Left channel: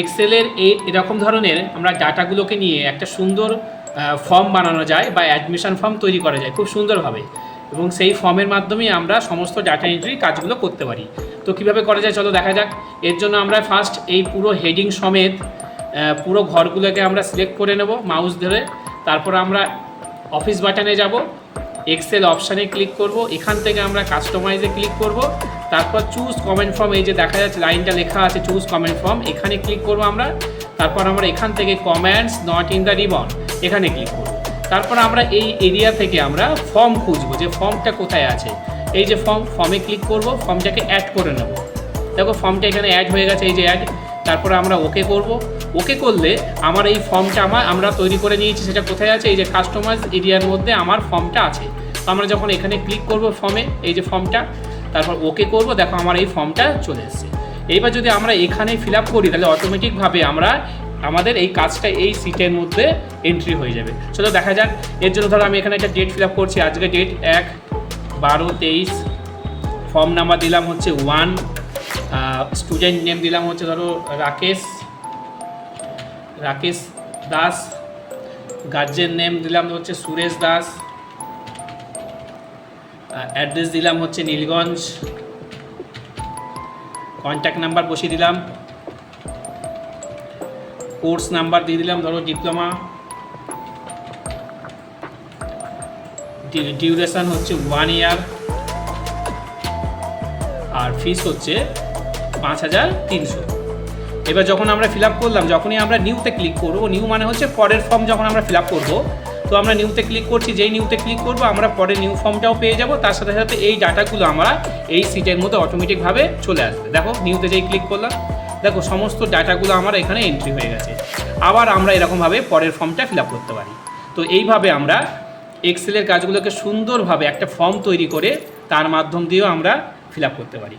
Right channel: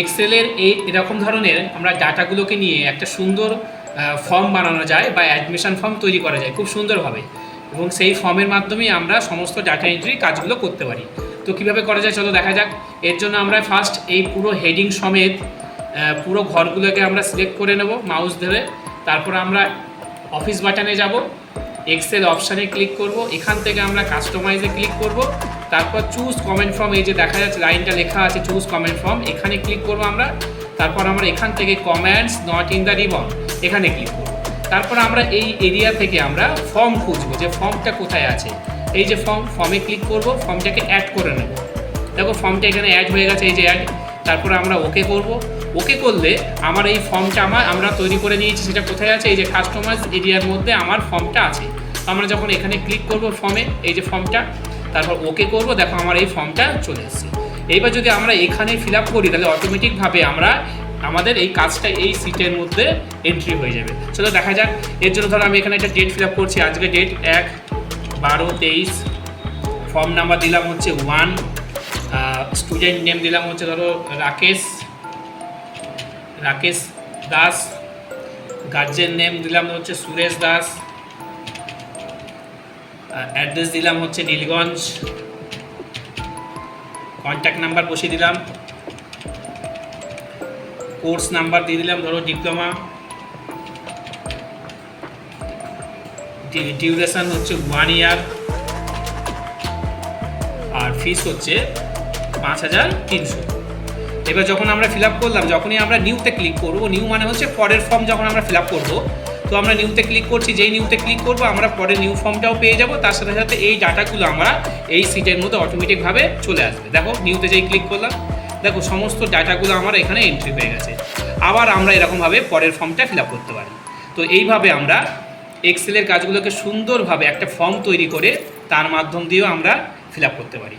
এক্সেলের এরকম ধরনের আমরা ডাটাগুলোকে নিয়ে একটা সুন্দর ফর্ম বানানো যায় বা অ্যাডমিশন ফর্ম তৈরি করা যায় খুব সুন্দরভাবে, এবং সেই ফর্মের মাধ্যমেই আমরা সমস্ত ডাটা এন্ট্রি কাজগুলো করতে পারি। তো কীভাবে করা যায় চলো দেখা যাক। এর জন্য আমরা ফার্স্ট এই পুরো হেডিং সমেত পুরো ঘরগুলোকে আমরা সিলেক্ট করে নেব মাউস ধরে। তারপর আমরা অফিস বাটনে যাব, এক্সেল অপশানে ক্লিক করব, এখান থেকে আমরা কাস্টমাইজে ক্লিক করব, তারপর চুজ কমেন্ট ফর্ম, এই যে দেখা যাচ্ছে লাইনটা লেখা আছে চুজ কমেন্ট ফর্ম, এখানে ক্লিক করব আমরা। তারপর আমরা এখান থেকে comments not in the ribbon এখানে ক্লিক করব। তারপর আমরা এই এরিয়া থেকে আমরা ফর্ম খুঁজবো যে ফর্মটা কোথায় আছে। এই যে ফর্মে ক্লিক করব, ফর্মটাকে অ্যাড করে নেব। দেখো ফর্মটা এখানে অ্যাড হয়ে গেছে, এই যে অ্যাড। তারপর আমরা ওকে করব। ওকে করলে আমার এই ফর্মটা আমরা তৈরি করে নিয়েছি, সেটা কোথায় আছে, এই যে কাস্টমাইজ এরিয়ার মধ্যে আমার ফর্মটা আছে। তো আমরা যখন এখানে ক্লিক করব ফর্মে, এই যে ফর্মটা, তারপর ওকে করব, দেখো আমার এই ফর্মটা চলে এসেছে। এইবার যদি আমরা এখানে ফিল আপ করি তাহলে অটোমেটিকভাবে আমাদের এই কাজটা এই সিটের মধ্যে এন্ট্রি হয়ে যাবে। চলো দেখা যাক। এর জন্য ধরো আমি এখানে একটা ডেট ফিল আপ করছি, আজকে ডেট 1/12/23, ফর্ম নাম্বার দিলাম হচ্ছে 1, স্টুডেন্ট নেম দিলাম হচ্ছে ধরো রাকেশ দাস, গার্জেন নেম দিলাম হচ্ছে সুরেশ দাস, অ্যাড্রেস দিলাম হচ্ছে নীলগঞ্জ, কন্ট্যাক্ট নাম্বার বসিয়ে দিলাম, কোর্স নাম্বার দিয়ে দিলাম ধরো ডিপ্লোমা, ডিউরেশন হচ্ছে 1 ইয়ার, আর ফিস হচ্ছে 5300। এবার যখন আমরা ফিল আপ করলাম, যখনই আমরা নিউতে ক্লিক করবো, নিউ মানে হচ্ছে পরের ফর্ম যখন আমরা ফিল আপ করবো, তো আমরা নিউতে ক্লিক করছি, যেই নিউতে ক্লিক করবো আমরা পরে নিউ ফর্মটাও পেয়ে যাবো, তার সাথে সাথে এই ডাটাগুলো আমরা এই সিটের মধ্যে অটোমেটিকভাবে চলে আসবে। দেখো নিউতে যেই ক্লিক করলাম, দেখো সমস্ত ডাটাগুলো আমার এখানে এন্ট্রি হয়ে গেছে। আবার আমরা এরকমভাবে পরের ফর্মটা ফিল আপ করতে পারি। তো এইভাবে আমরা এক্সেলের কাজগুলোকে সুন্দরভাবে একটা ফর্ম তৈরি করে তার মাধ্যম দিয়েও আমরা ফিল আপ করতে পারি।